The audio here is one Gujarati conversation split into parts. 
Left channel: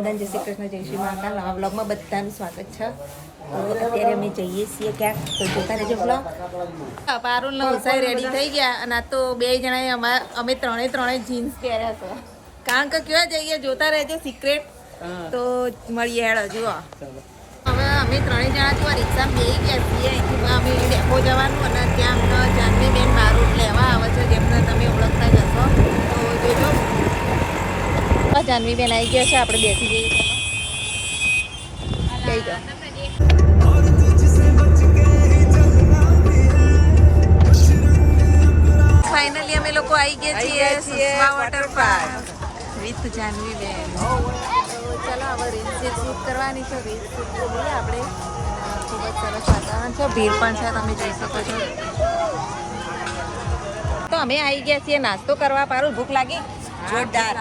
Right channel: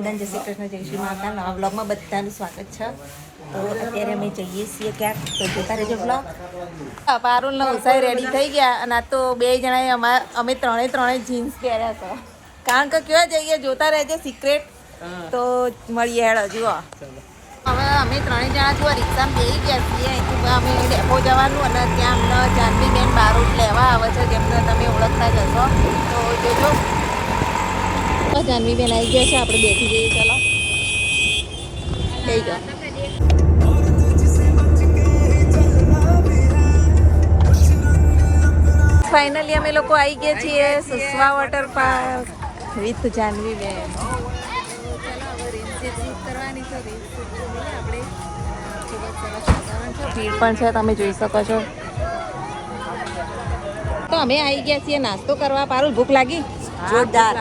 બધાને જય શ્રી કૃષ્ણ, જય શ્રી મહાકાલ. નવા બ્લોગમાં બધાનું સ્વાગત છે. તો અત્યારે અમે જઈએ છીએ ક્યાંક, તો જોતા રહેજો બ્લોગ. પારુલ ને ઉષાઈ રેડી થઈ ગયા અને આ તો બે જણાએ અમે ત્રણે જીન્સ પહેર્યા છે. કારણ કે કેવા જઈએ જોતા રહેજો સિક્રેટ. તો મળીએ હેડો જુઓ. હવે અમે ત્રણેય જણા જુઓ રિક્ષામાં બેસી ગયા છીએ. અહીંથી અમે ડેપો જવાનું અને ત્યાં અમને જાનવી બેન બારોટ લેવા આવે છે, જેમને તમે ઓળખતા જશો. તો જોજો જાનવી બેન આવી ગયા છે, આપણે બેસી જઈએ. ચલો લઈ જાઓ. ફાઇનલી અમે લોકો આવી ગયા છીએ સુસવા વોટર પાર્ક વિથ જાનવી બેન. તો ચાલો હવે રીલ્સ જે શૂટ કરવાની છે રીલ્સ શૂટ લઈએ આપણે. ખૂબ જ સરસ વાતાવરણ છે, ભીડ પણ છે, તમે જોઈ શકો છો. તો અમે આવી ગયા છીએ નાસ્તો કરવા. પારુલ ભૂખ લાગી? જોરદાર.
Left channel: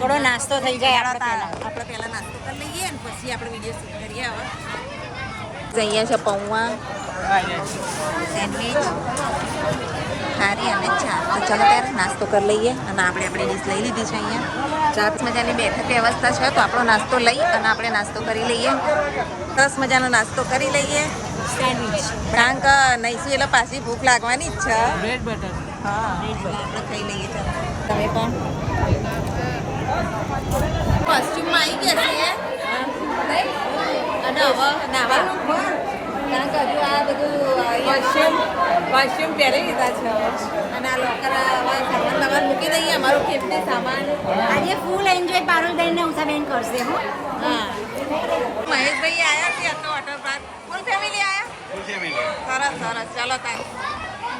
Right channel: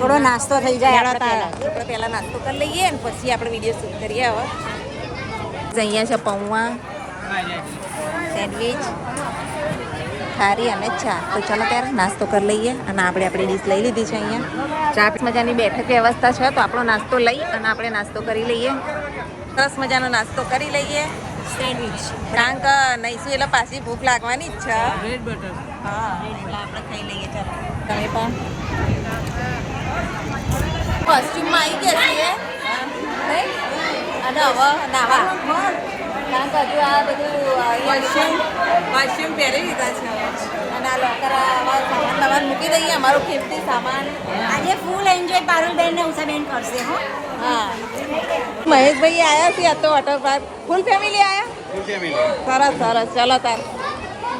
થોડો નાસ્તો થઈ જાય આપણે પહેલા નાસ્તો કરી લઈએ અને પછી આપણે વિડીયો શૂટ કરીએ. હવે જઈએ છે પૌમાં સેન્ડવીચ, ખારી અને ચા. તો ચલો ત્યારે નાસ્તો કરી લઈએ અને આપણી ડીશ લઈ લીધી છે. અહીંયા ચા મજાની બેઠક વ્યવસ્થા છે, તો આપણો નાસ્તો લઈ અને આપણે નાસ્તો કરી લઈએ. સરસ મજાનો નાસ્તો કરી લઈએ. સેન્ડવીચ કારણ કે નહીશું એટલે પાછી ભૂખ લાગવાની જ છે. હા એટલે આપણે ખાઈ લઈએ. ચાલો તમે પણ કોસ્ટ્યુમમાં આવી ગયા છીએ અને હવે નાવા. કારણ કે હજુ આ બધું કોસ્ટ્યુમ પહેરી લીધા છે અને આ લોકર સામાન તમારે મૂકી દઈએ. અમારો કિંમતી સામાન આજે ફૂલ એન્જોય પારુલબેન ને ઉષાબેન કરશે. હો હા મહેશભાઈ આવ્યા છે. આ તો વોટર પાર્ક ફૂલ ફેમિલી આવ્યા. સરસ સરસ. ચલો તાર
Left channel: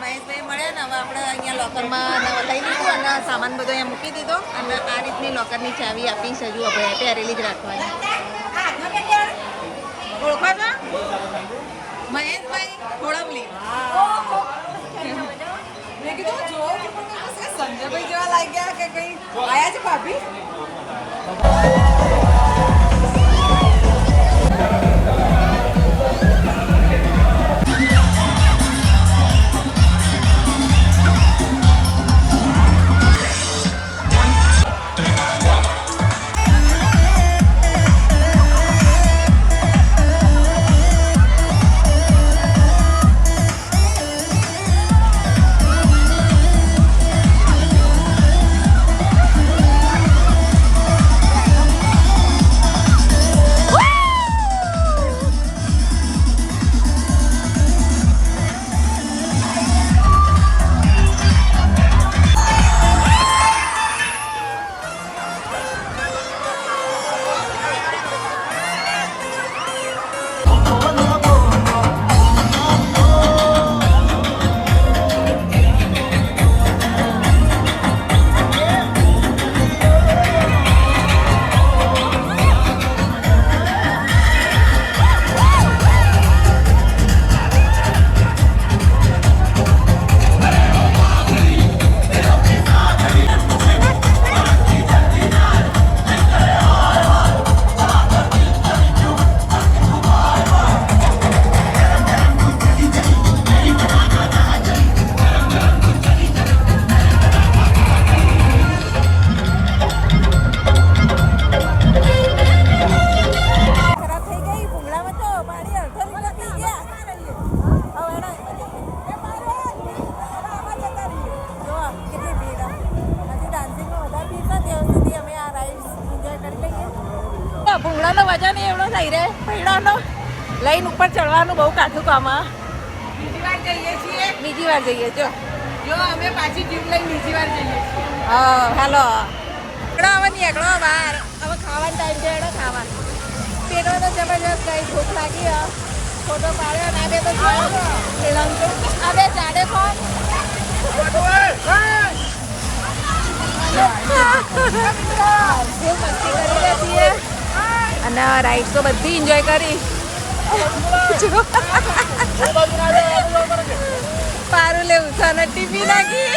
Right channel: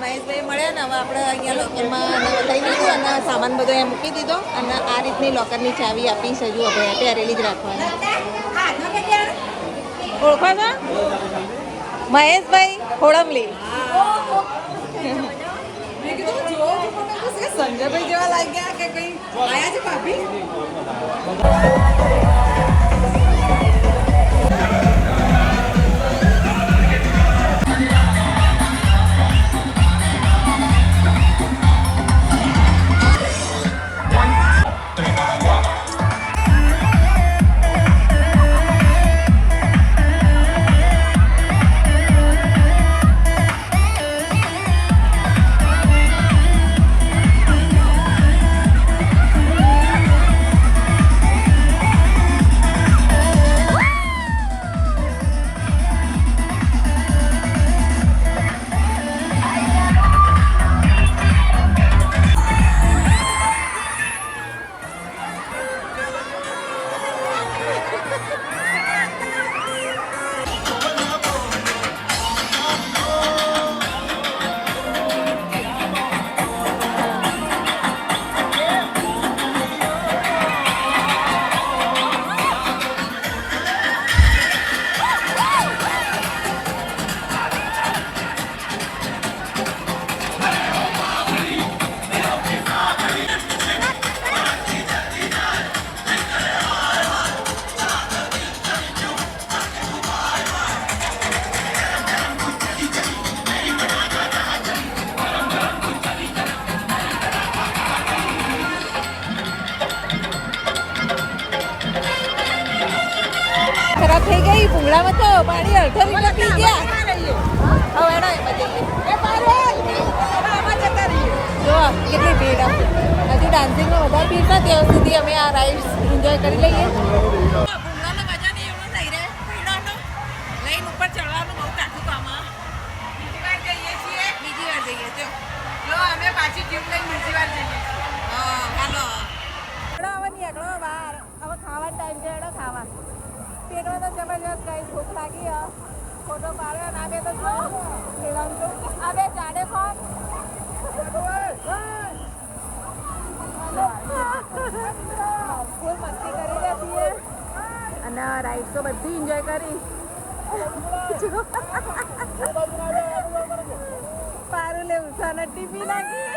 મહેશભાઈ મળ્યા ને હવે આપણે અહીંયા લોકરમાં લઈ લીધું અને સામાન બધો અહીંયા મૂકી દીધો. અને આ રીતની લોકરની ચાવી આપી છે. જુઓ ભાઈ પહેરેલી જ રાખવાની. ઓળખો છો મહેશભાઈ ખોડમલી? સંજયભાઈ જેવા લાગ્યા કે કઈ આયા છે ભાભી. કેટલી ભીડ હજુ ડાન્સિંગમાં વધારે ભીડ થાય ત્યાં સુધી અમે આ રાઇડ્સ એન્જોય કરી લઈએ. ભૂંગળાનો વજન એવડો થઈ રહે ભીડોનો લઈને ઉપર ચડવાનું બહુ કાઠું કામ. બીજી વાર જઈએ જો અમે પાછી ટ્યુબ લઈને બીજી વાર જઈએ. હા હાલો એકડો હવે નહીં એકડો બહાર. હવે ખાવાનો ટાઈમ છે. એડો ખાવા પેટો તો જબરજસ્ત કઈ ભૂખ લાગી. ફોટો પાડ્યો ના બે તો આ બે ચાડે કોણ અને રાઈડ તો બધી એન્જોય કરી. પારુલે ઉષાને ટીપી નાખી.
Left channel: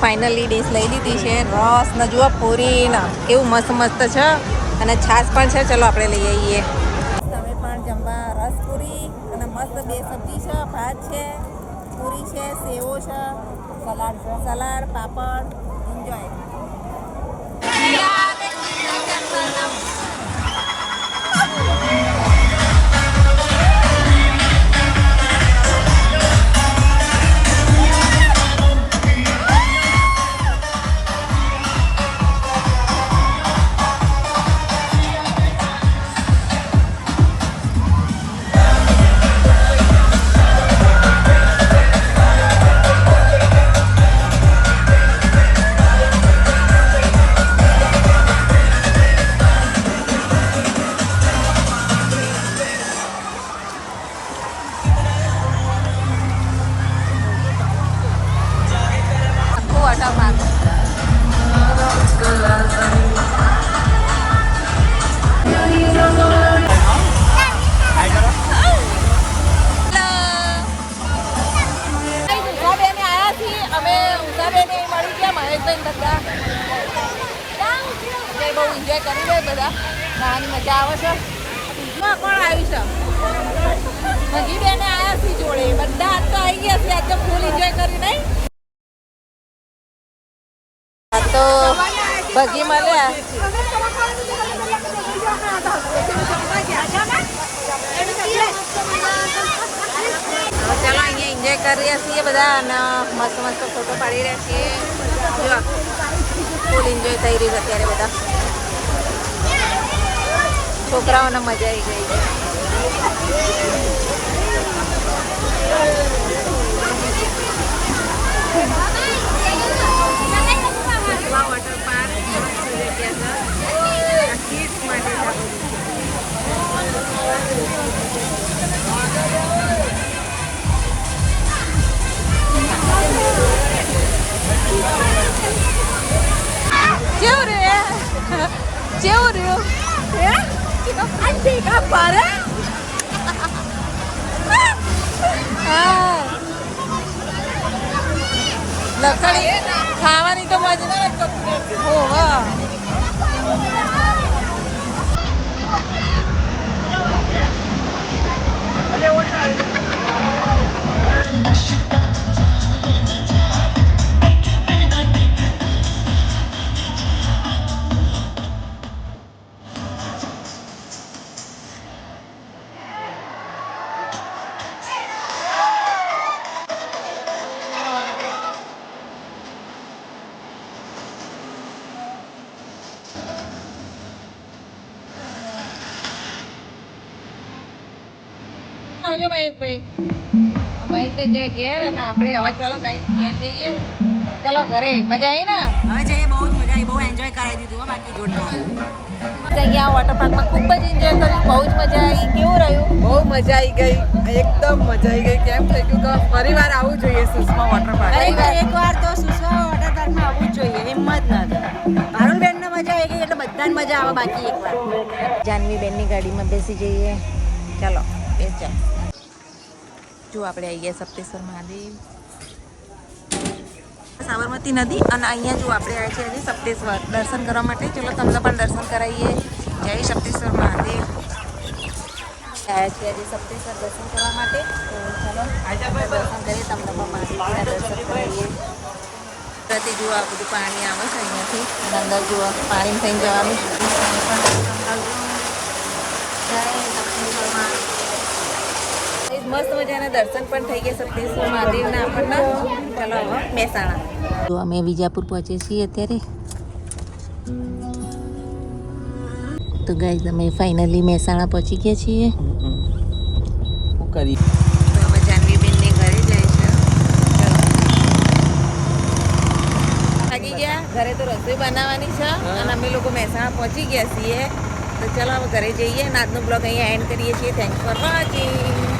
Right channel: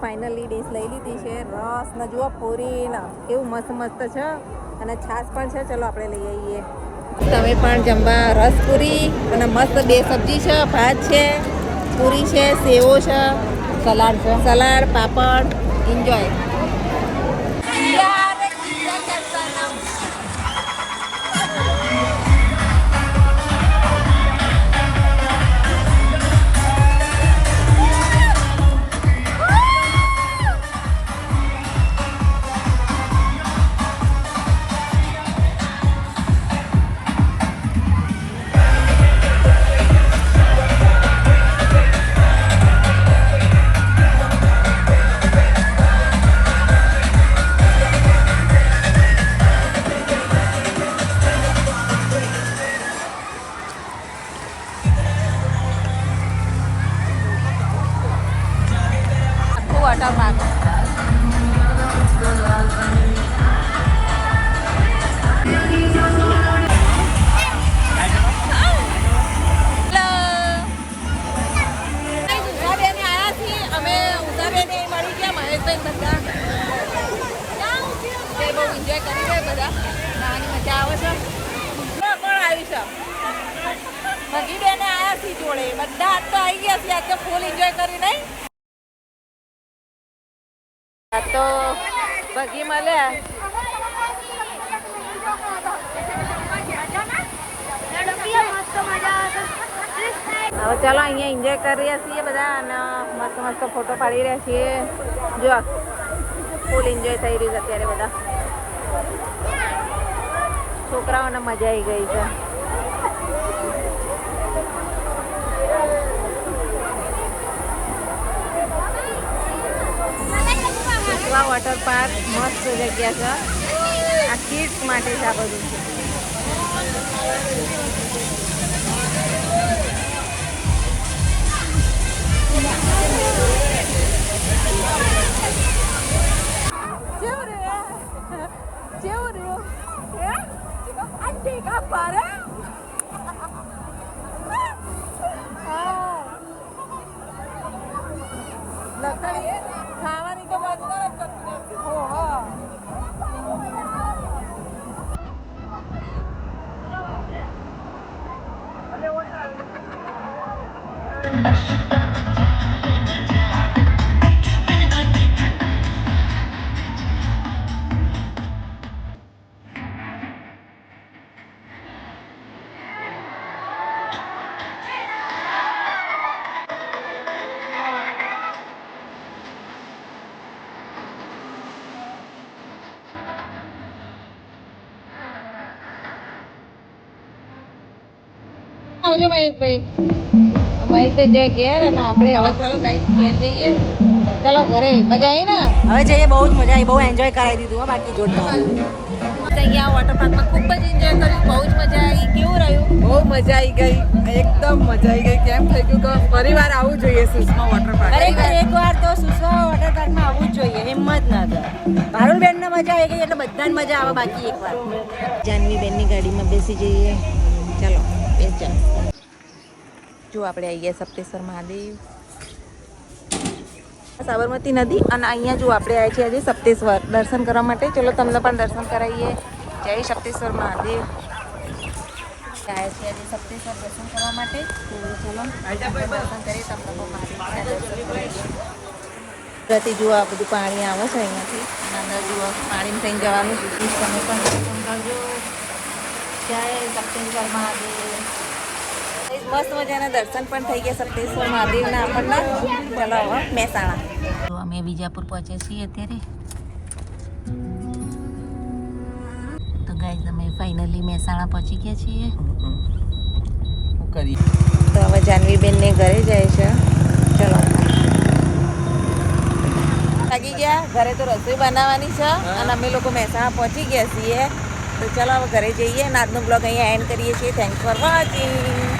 ફાઇનલી ડીશ લઈ લીધી છે. રસ ને જુઓ પૂરી ને કેવું મસ્ત મસ્ત છે અને છાશ પણ છે. ચલો આપણે લઈ આવીએ. તમે પણ જમવા રસપુરી અને મસ્ત 2 સબ્જી છે, ભાત છે, પૂરી છે, સેવો છે, સલાડ છે. સલાડ, પાપડ. એન્જોય. આખું વોટર પાર્ક. અમે ઉષાબેન અહીં મળી ગયા, મહેશભાઈ બધા અત્યારે બહુ એન્જોય કરી રહ્યા બધા. નાની મજા આવે છે. કોણ આવી છે? ભગી બેને આવ્યા છે જોડે. બધા આજ તો આવી ગયા છે. આજ તો ફૂલ એન્જોય કરી નહીં. આ તો ભગી મળ્યા. હવે ચાલો અહીંયા એન્જોય કરી રહ્યા છીએ બધા અને મસ્ત મસ્ત ફોટો પાડી રહ્યા છીએ. જો ફૂલ એન્જોય થઈ રહ્યું છે અત્યારે બધા. છોકરાઓને મજા આવી ગઈ છે. વોટર પાર્ક મસ્ત જગ્યા છે. આ કિડ્સ માટે જ આ બધું છે. કેવું રહ્યું? લખણી ખાવાની તો મજા. ઓહો. આવજો મહેશભાઈ. મહેશભાઈ જે ઘેર અને આપણે હવે ચાલો ઘેર જઈએ. ચાલો ઘરે. મજા આવી ને? હવે જઈએ. બહુ જ મજા આવી. બહુ એન્જોય કરાવી દીધું હો. બાકી જોડતા અહીંયા વોટર પાર્કમાં ખૂબ જ એન્જોય કર્યું. બહુ જ મજા આવી. કેવું રહ્યું? બહુ મજા આવી ગઈ. એકદમ મજા આવી ગઈ. કેમ થઈ ગયું કે ફરીવાર આવવું જોઈએ સુષમા વોટર પાર્ક. ખરેખર એકવાર તો સુષમા વોટર પાર્કમાં આવવું જ જોઈએ. હિંમત ના થાય. પારુલબેનને મજા આવી ગઈ એટલે બધાને મજા આવે. બાકી એકવાર જાનવીબેનની ગાડીમાં બેસી જઈએ. ચાલો બેસ જાય. જો આપણે આવી ગયા સપ્તેશ્વર મહાદેવ, સાબરમતી નદી. અને અહીંયા જો આપણે આવ્યા છીએ આજે સપ્તેશ્વર દર્શન કરવા માટે. ચલો તમને પણ દર્શન કરાવીએ. જય સપ્તેશ્વર મહાદેવ. આવ્યા છીએ આજે સપ્તેશ્વર દર્શન કરવા માટે. તો ચલો આપણે દર્શન કરીએ. તમને પણ મહાદેવજીના દર્શન કરાવીએ. ત્યાંથી જુઓ આ બધું પાણી આવે છે અહીંયાથી. અને અંદર જુઓ પાણી થઈને જવાનું. તમે પણ દર્શન કરજો. જય સપ્તેશ્વર મહાદેવ. મસ્ત મજાના દર્શન પણ થઈ ગયા સપ્તેશ્વર મહાદેવના આપણને. ચલો હવે મહેસાણા. તો અમે વિજાપુર પહોંચીએ છીએ અત્યારે. તો ગાઈઝ અમે ફાઇનલી મહેસાણા પહોંચી ગયા છીએ. તો હવે જાનવીબેનને ઘરે જાય છે. ચલો લાગી ગયા. ઘરે તો રસોઈ બનાવવાની છે અને અમે લોકો મહેસાણા પહોંચી ગયા છીએ. તો ચલો હવે ઘરે જઈએ અને આજનો બ્લોગ અહીંયા એન્ડ કરીએ છીએ. Thanks for watching.